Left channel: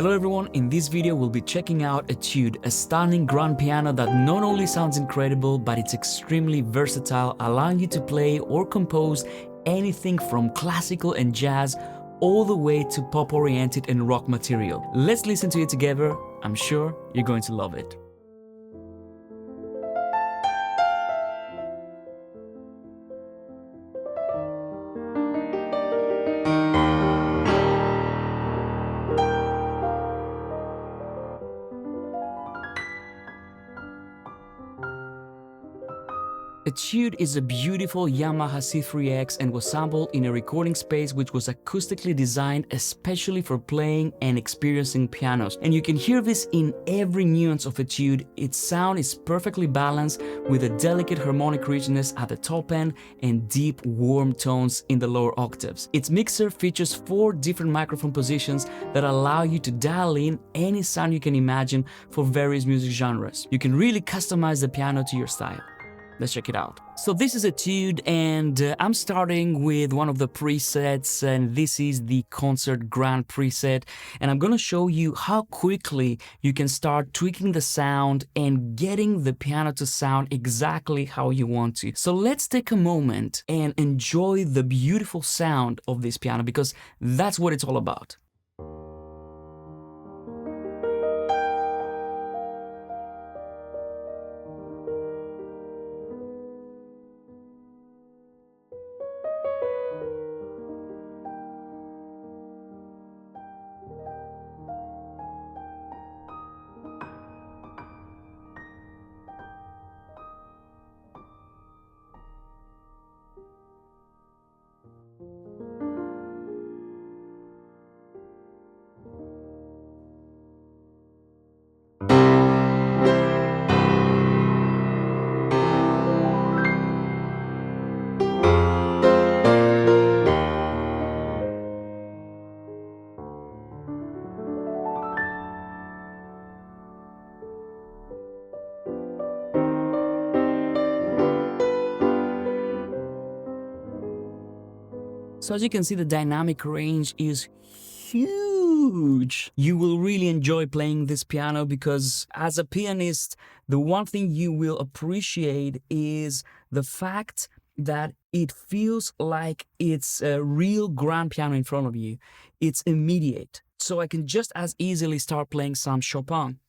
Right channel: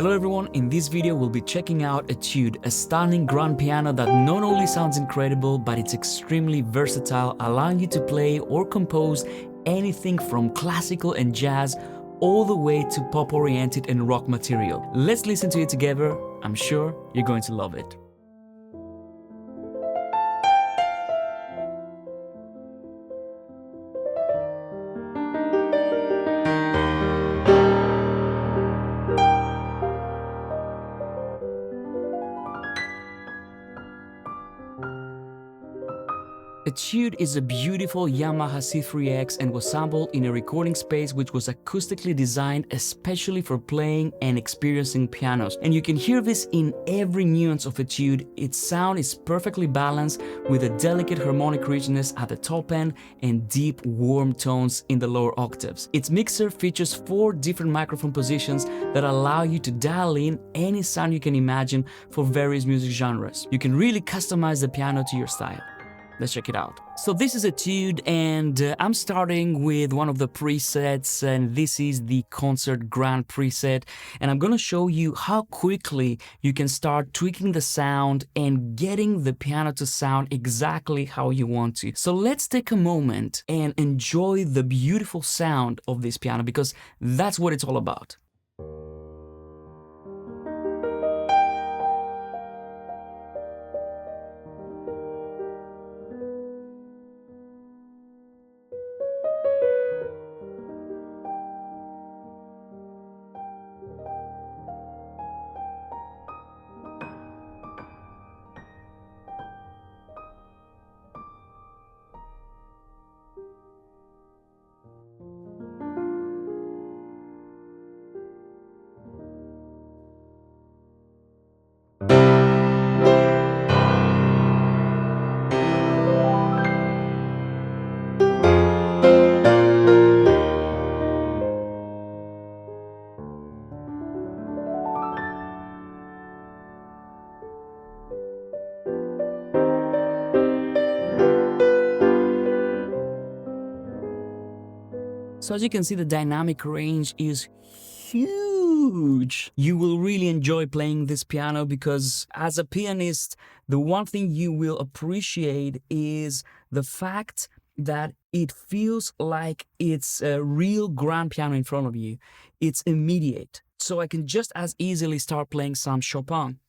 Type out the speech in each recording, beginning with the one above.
Hello everyone, in this video we'll be checking out Etude, a stunning grand piano that not only sounds incredible, but it's extremely versatile, allowing you to play or compose anything from classical and jazz all the way to pop-oriented and rock material. Let's listen to it together. I'm sure you're going to love it. Etude is a beautiful Yamaha C3X and was sampled in a recording space which was acoustically designed especially for playing and experiencing pianos. And you can hear this in every nuance of Etude. Its sound is perfectly balanced with a delicate harmonic richness at the top end and deep warm tones in the lower octaves. Its mixer features 4 different microphone positions that allow you to dial in any sound you can imagine for various music genres. You can really customize the piano to your style. Let's check it out. So this is Etude, and I'm starting with one of the presets, and this is the Concert Grand preset. And I'm gonna show you how quickly you can start tweaking the sound and getting the piano to sound exactly how you want to. So let's take a moment and enjoy the beautiful sound of this piano, because that's what it's all about. So as you can see, the dynamic range is huge. You will really enjoy playing this piano because as a pianist, the one thing you will appreciate is the fact that it feels like it's a real grand piano in front of you. It's immediate. So I can just as easily start playing some Chopin.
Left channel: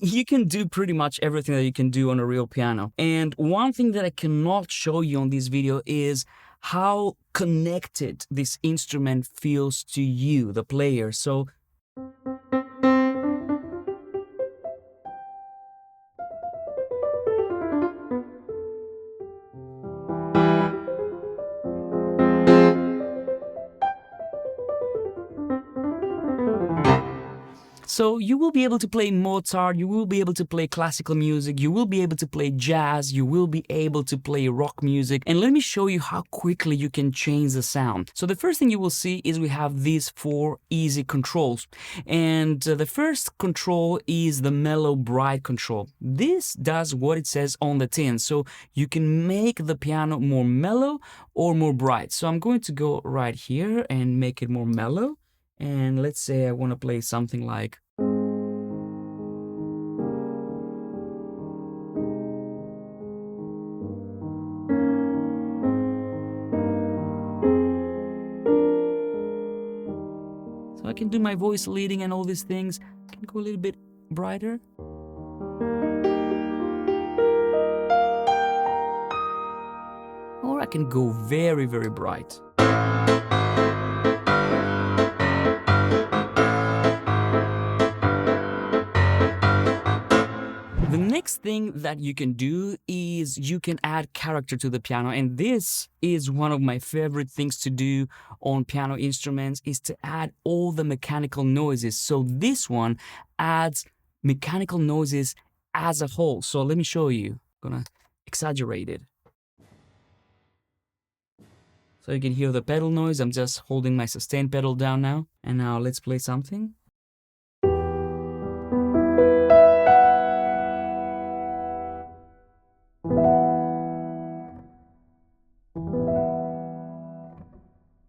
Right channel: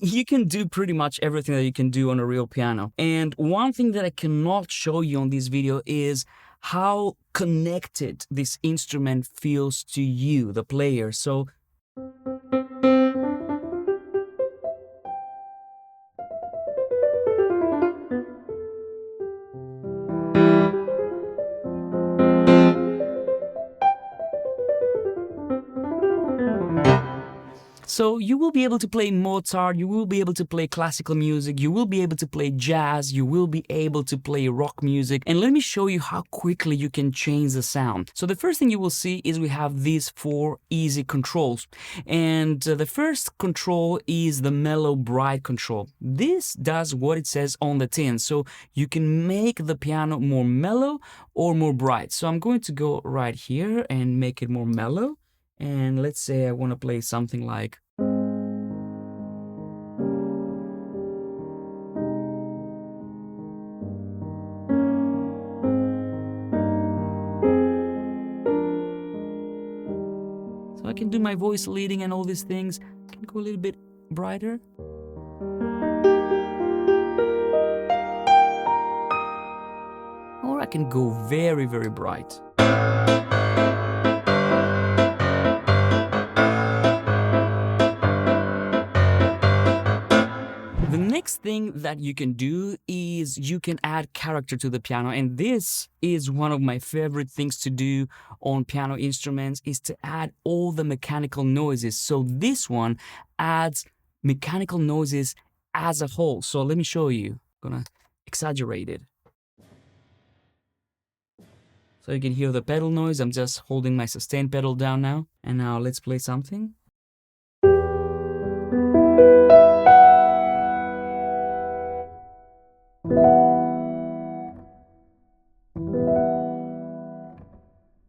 You can do pretty much everything that you can do on a real piano. And one thing that I cannot show you on this video is how connected this instrument feels to you, the player. So you will be able to play Mozart, you will be able to play classical music, you will be able to play jazz, you will be able to play rock music. And let me show you how quickly you can change the sound. So the first thing you will see is we have these 4 easy controls. And the first control is the mellow bright control. This does what it says on the tin. So you can make the piano more mellow or more bright. So I'm going to go right here and make it more mellow. And let's say I want to play something like so I can do my voice leading and all these things. I can go a little bit brighter. Or I can go very, very bright. The next thing that you can do is you can add character to the piano, and this is one of my favorite things to do on piano instruments, is to add all the mechanical noises. So this one adds mechanical noises as a whole. So let me show you. I'm gonna exaggerate it. So you can hear the pedal noise. I'm just holding my sustain pedal down now. And now let's play something.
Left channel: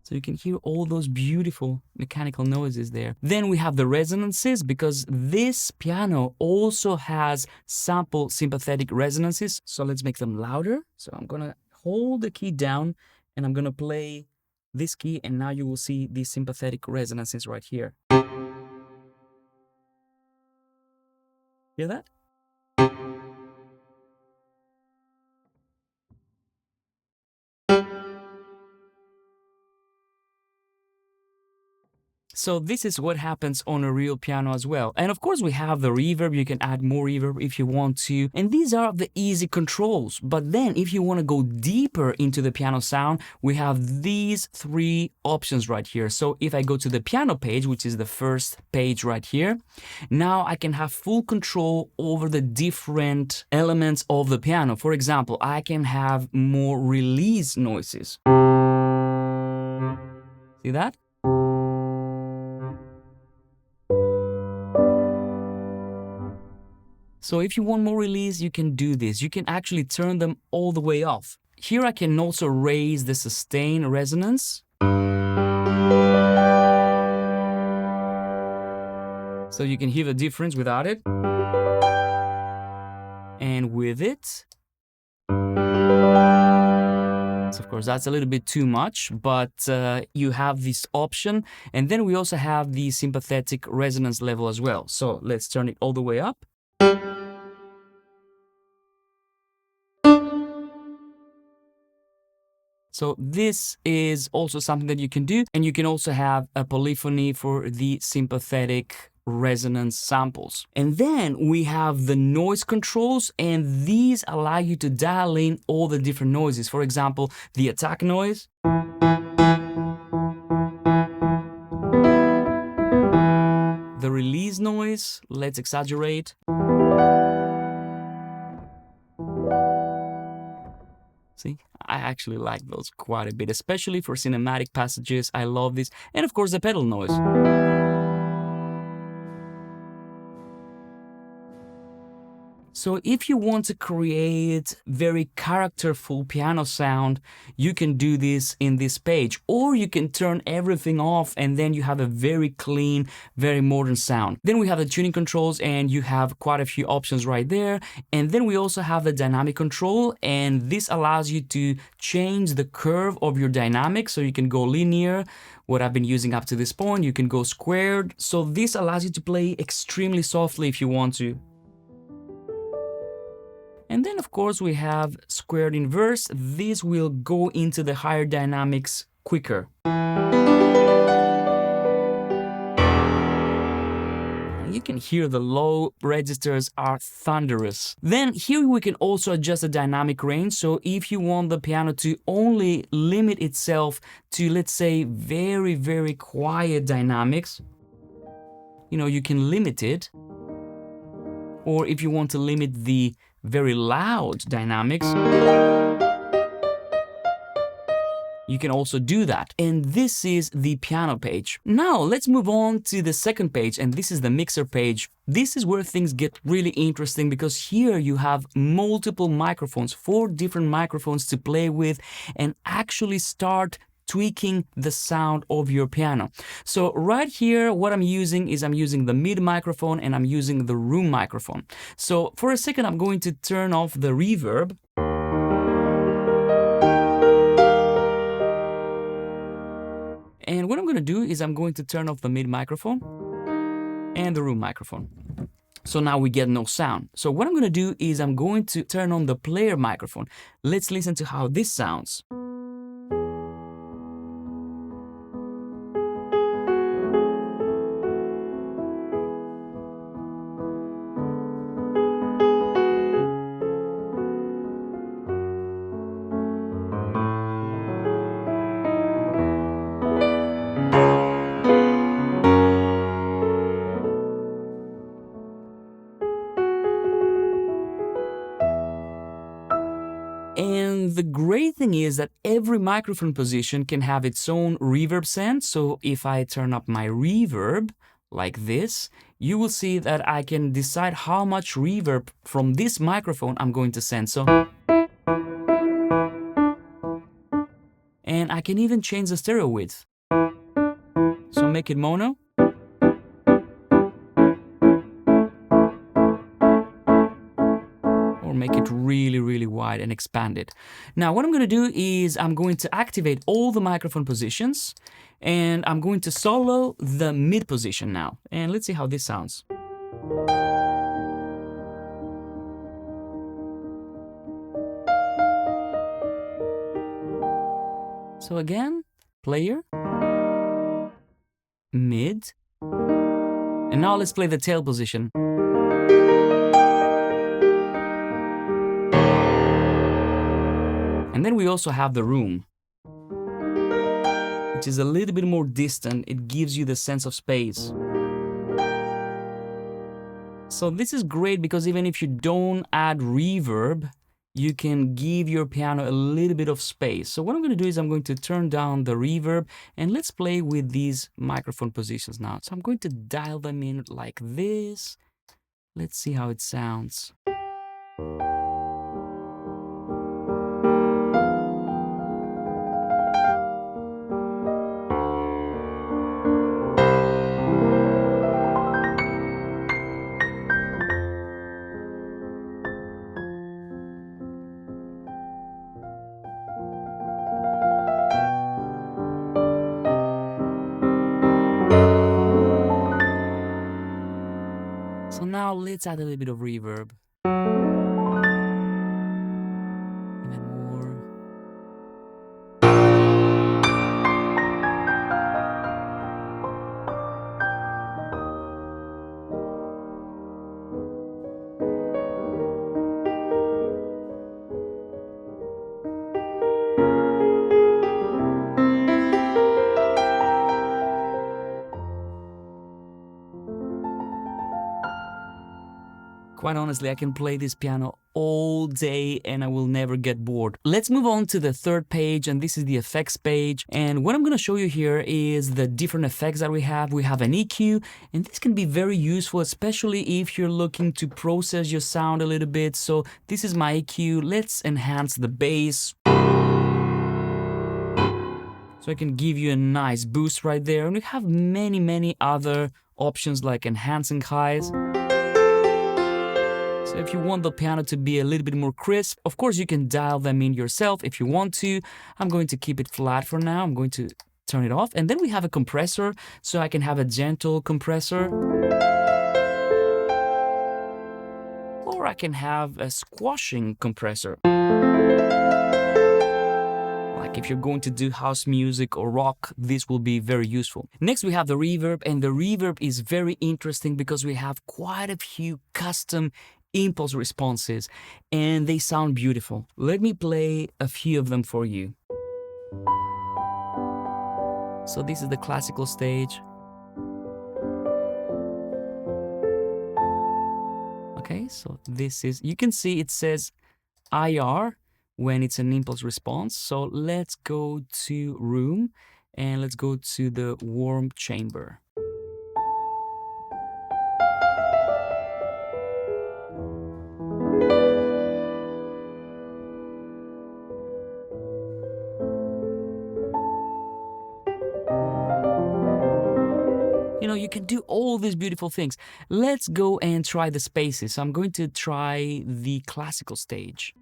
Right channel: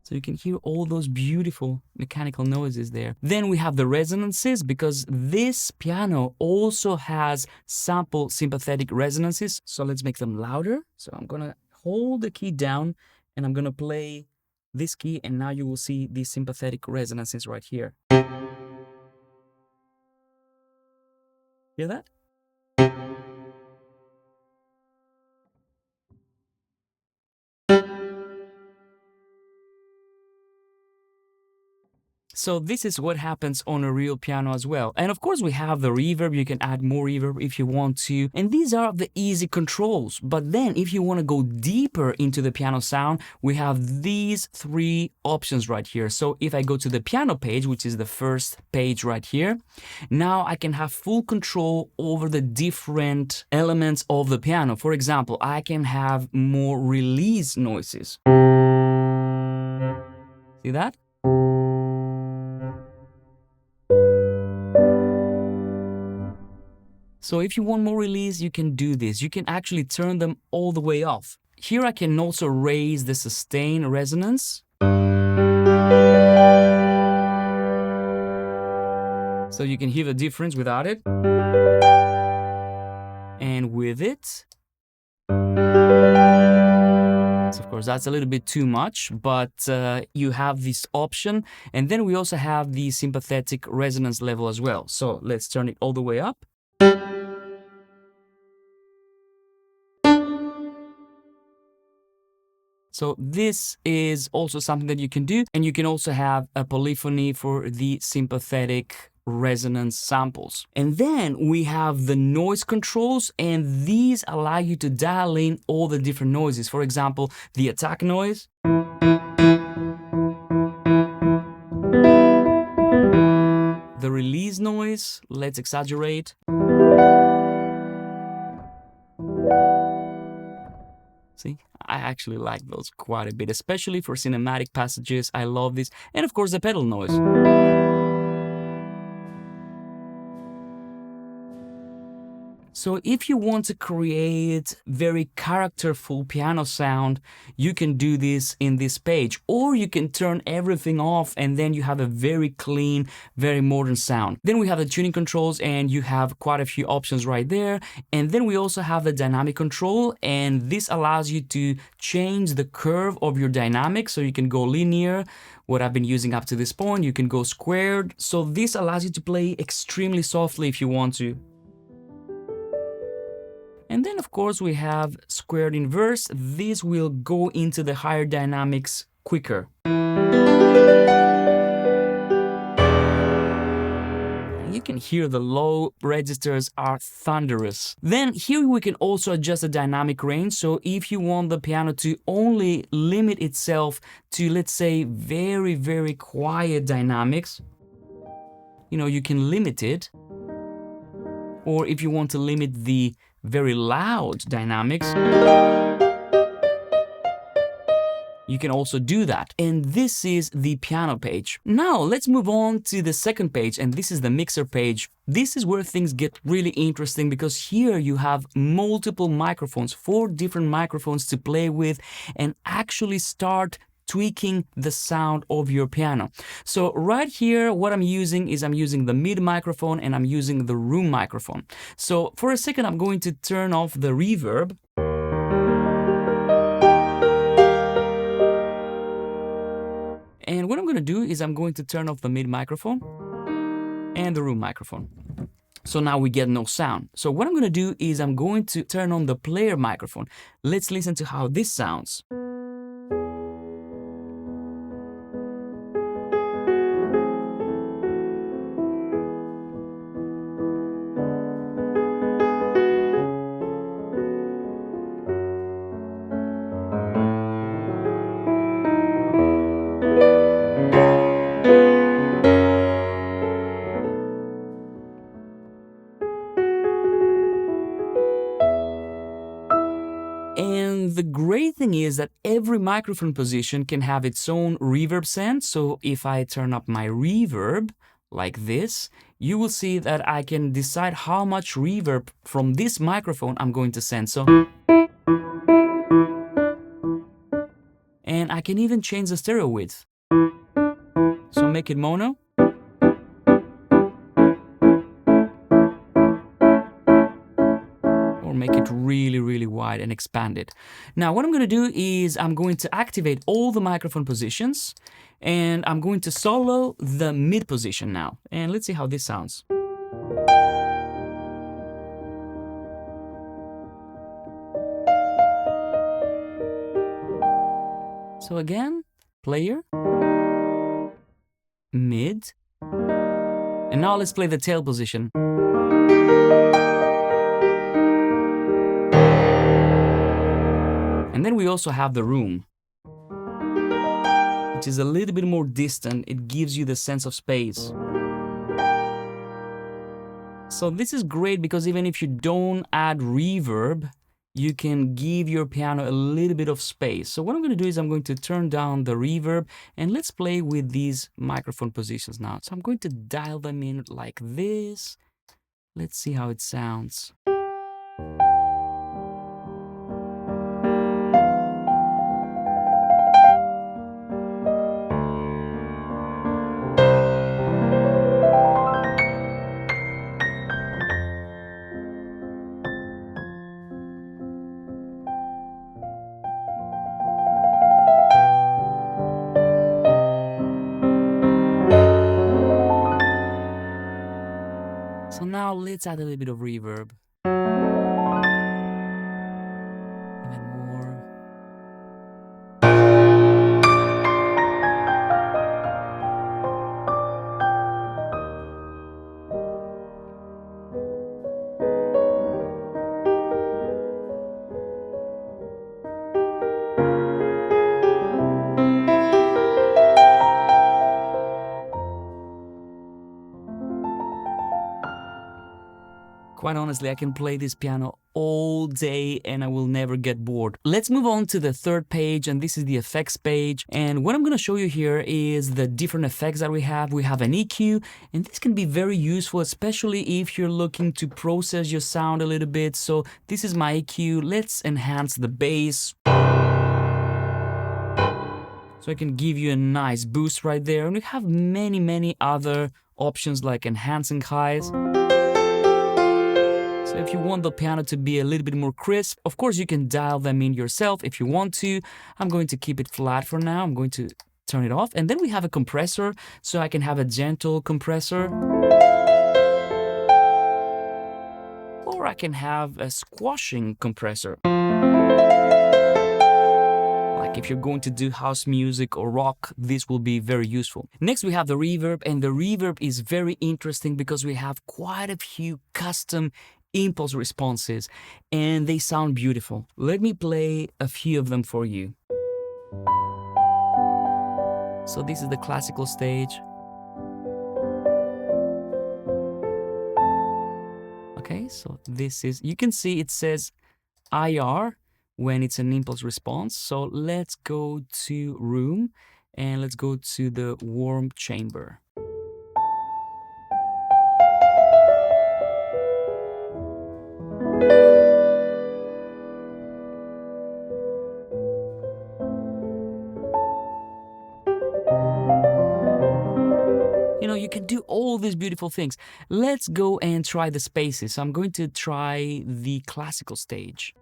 So you can hear all those beautiful mechanical noises there. Then we have the resonances, because this piano also has sample sympathetic resonances. So let's make them louder. So I'm gonna hold the key down and I'm gonna play this key, and now you will see these sympathetic resonances right here. Hear that? So this is what happens on a real piano as well. And of course we have the reverb. You can add more reverb if you want to. And these are the easy controls. But then if you want to go deeper into the piano sound, we have these three options right here. So if I go to the piano page, which is the first page right here, now I can have full control over the different elements of the piano. For example, I can have more release noises. See that? So if you want more release, you can do this. You can actually turn them all the way off. Here I can also raise the sustain resonance. So you can hear the difference without it. And with it. So of course, that's a little bit too much, but you have this option. And then we also have the sympathetic resonance level as well. So let's turn it all the way up. So this is also something that you can do, and you can also have a polyphony for the sympathetic resonance samples. And then we have the noise controls, and these allow you to dial in all the different noises. For example, the attack noise. The release noise, let's exaggerate. See, I actually like those quite a bit, especially for cinematic passages. I love this. And of course, the pedal noise. So if you want to create very characterful piano sound, you can do this in this page, or you can turn everything off and then you have a very clean, very modern sound. Then we have the tuning controls, and you have quite a few options right there. And then we also have the dynamic control, and this allows you to change the curve of your dynamic. So you can go linear, what I've been using up to this point, you can go squared. So this allows you to play extremely softly if you want to. And then of course we have squared inverse. This will go into the higher dynamics quicker. You can hear the low registers are thunderous. Then here we can also adjust the dynamic range. So if you want the piano to only limit itself to, let's say, very, very quiet dynamics, you can limit it. Or if you want to limit the very loud dynamics, you can also do that. And this is the piano page. Now let's move on to the second page, and this is the mixer page. This is where things get really interesting, because here you have multiple microphones, 4 different microphones to play with and actually start tweaking the sound of your piano. So right here, what I'm using is I'm using the mid microphone and I'm using the room microphone. So for a second, I'm going to turn off the reverb. And what I'm going to do is I'm going to turn off the mid microphone and the room microphone. So now we get no sound. So what I'm going to do is I'm going to turn on the player microphone. Let's listen to how this sounds. And the great thing is that every microphone position can have its own reverb sense. So if I turn up my reverb like this, you will see that I can decide how much reverb from this microphone I'm going to send. So, and I can even change the stereo width. So make it mono. Or make it really, really wide and expand it. Now what I'm going to do is I'm going to activate all the microphone positions and I'm going to solo the mid position now. And let's see how this sounds. So again, player, mid, and now let's play the tail position. And then we also have the room, which is a little bit more distant. It gives you the sense of space. So this is great because even if you don't add reverb, you can give your piano a little bit of space. So what I'm going to do is I'm going to turn down the reverb and let's play with these microphone positions now. So I'm going to dial them in like this. Let's see how it sounds. So now let's add a little bit of reverb. Even more. Quite honestly, I can play this piano all day and I will never get bored. Let's move on to the third page, and this is the effects page. And what I'm going to show you here is the different effects that we have. We have an EQ, and this can be very useful, especially if you're looking to process your sound a little bit. So this is my EQ. Let's enhance the bass. So I can give you a nice boost right there. And we have many, many other options like enhancing highs. So if you want the piano to be a little bit more crisp, of course you can dial them in yourself if you want to. I'm going to keep it flat for now. I'm going to turn it off. And then we have a compressor, so I can have a gentle compressor. Or I can have a squashing compressor. Like if you're going to do house music or rock, this will be very useful. Next we have the reverb, and the reverb is very interesting because we have quite a few custom impulse responses and they sound beautiful. Let me play a few of them for you. So this is the classical stage. Okay, so this is, you can see it says IR when it's an impulse response. So let's go to room and let's go to the warm chamber. You know, you can do all these beautiful things. Let's go and try the spaces. So I'm going to try the classical stage.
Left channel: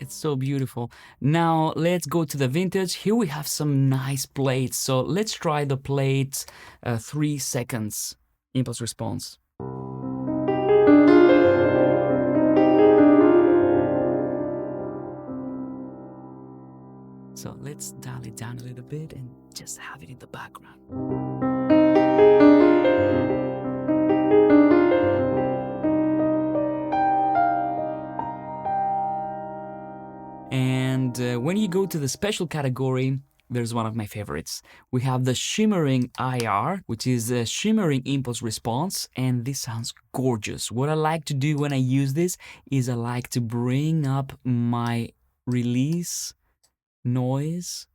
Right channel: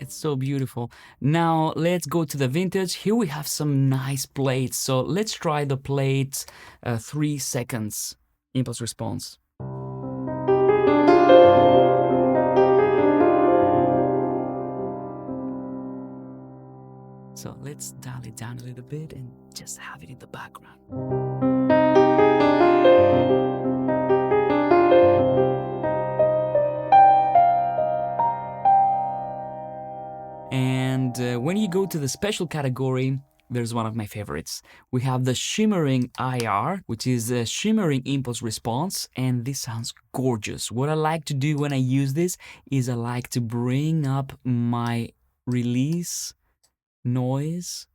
It's so beautiful. Now let's go to the vintage. Here we have some nice plates. So let's try the plate 3 seconds impulse response. So let's dial it down a little bit and just have it in the background. go to the special category, there's one of my favorites. We have the shimmering IR, which is a shimmering impulse response, and this sounds gorgeous. What I like to do when I use this is I like to bring up my release noise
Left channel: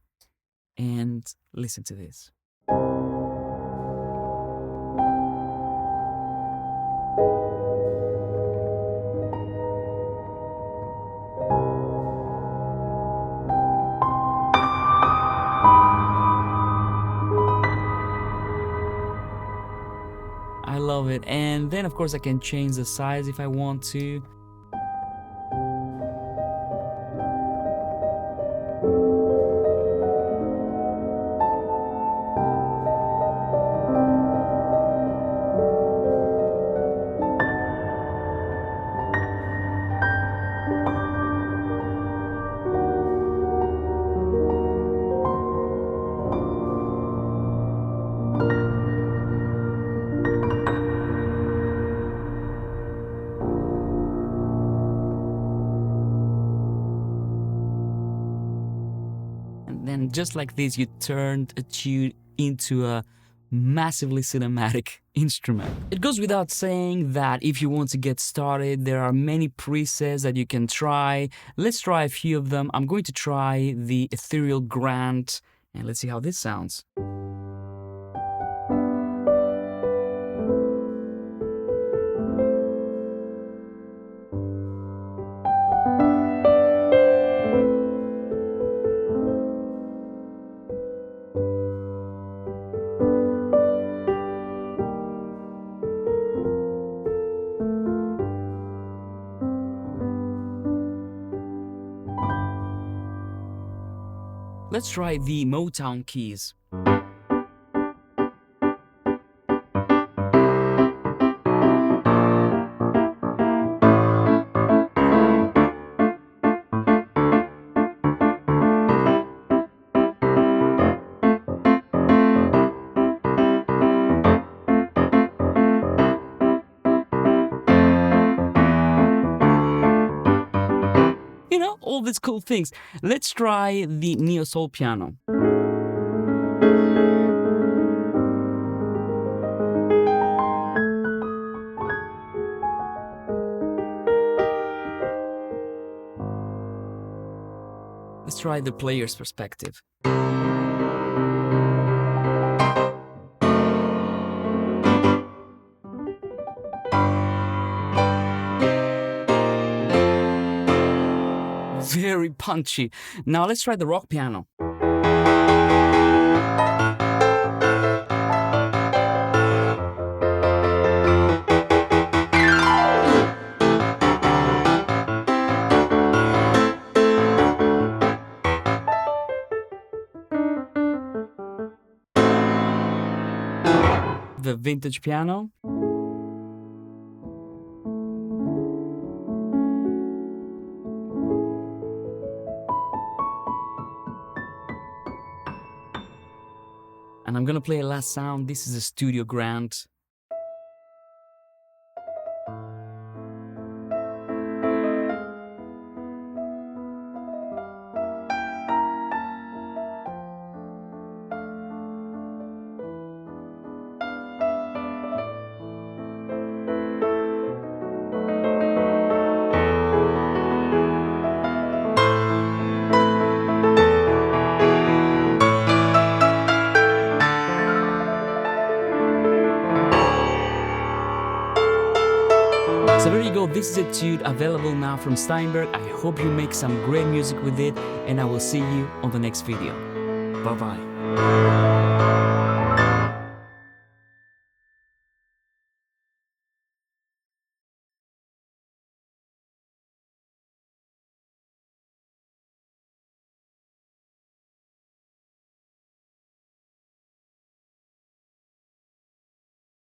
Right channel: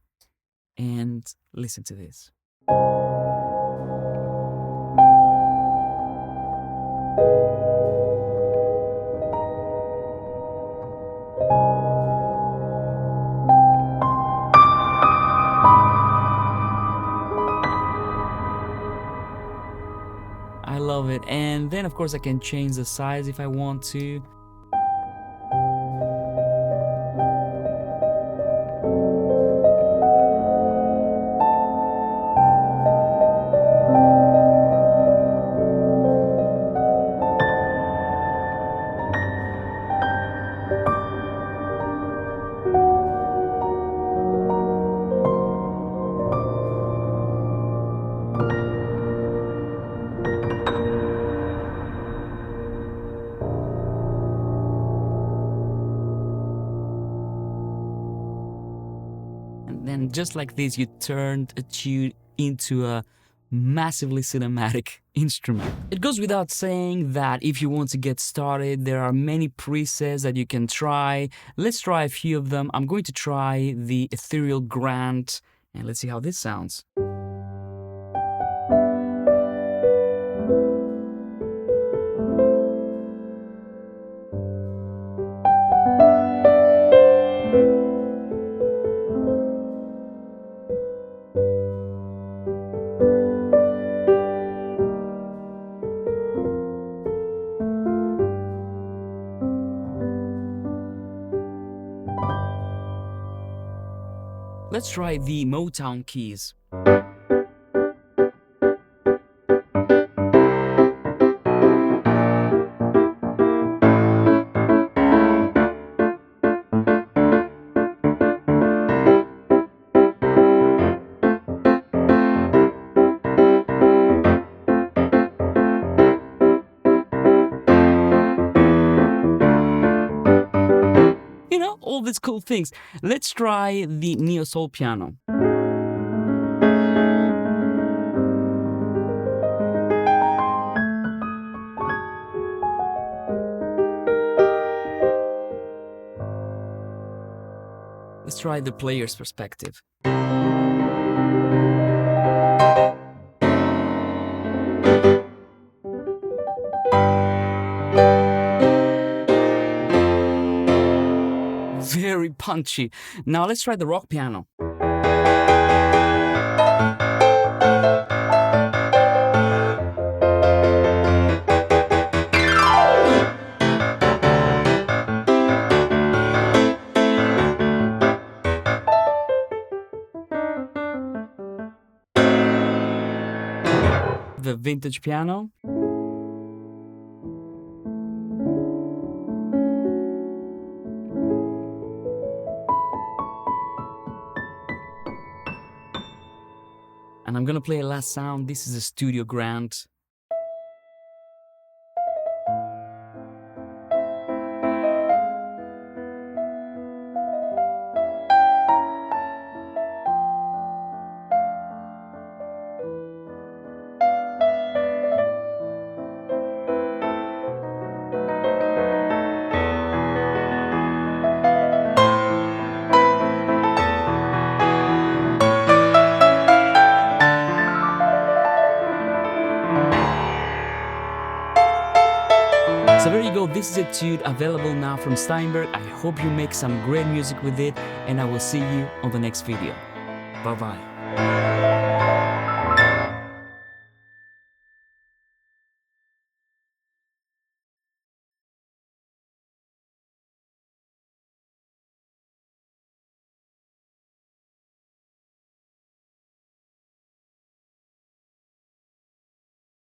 and listen to this. I love it. And then of course I can change the size if I want to. And then just like this, you turned Etude into a massively cinematic instrument. It goes without saying that if you want to get started, there are many presets that you can try. Let's try a few of them. I'm going to try the Ethereal Grant, and let's see how this sounds. Let's try the Motown keys. You know, all these cool things. Let's try the Neo Soul piano. Let's try the player's perspective. Very punchy. Now let's try the rock piano. The vintage piano. And I'm gonna play a last sound. This is a Studio Grant. So there you go, this is Etude, available now from Steinberg. I hope you make some great music with it, and I will see you on the next video. Bye-bye.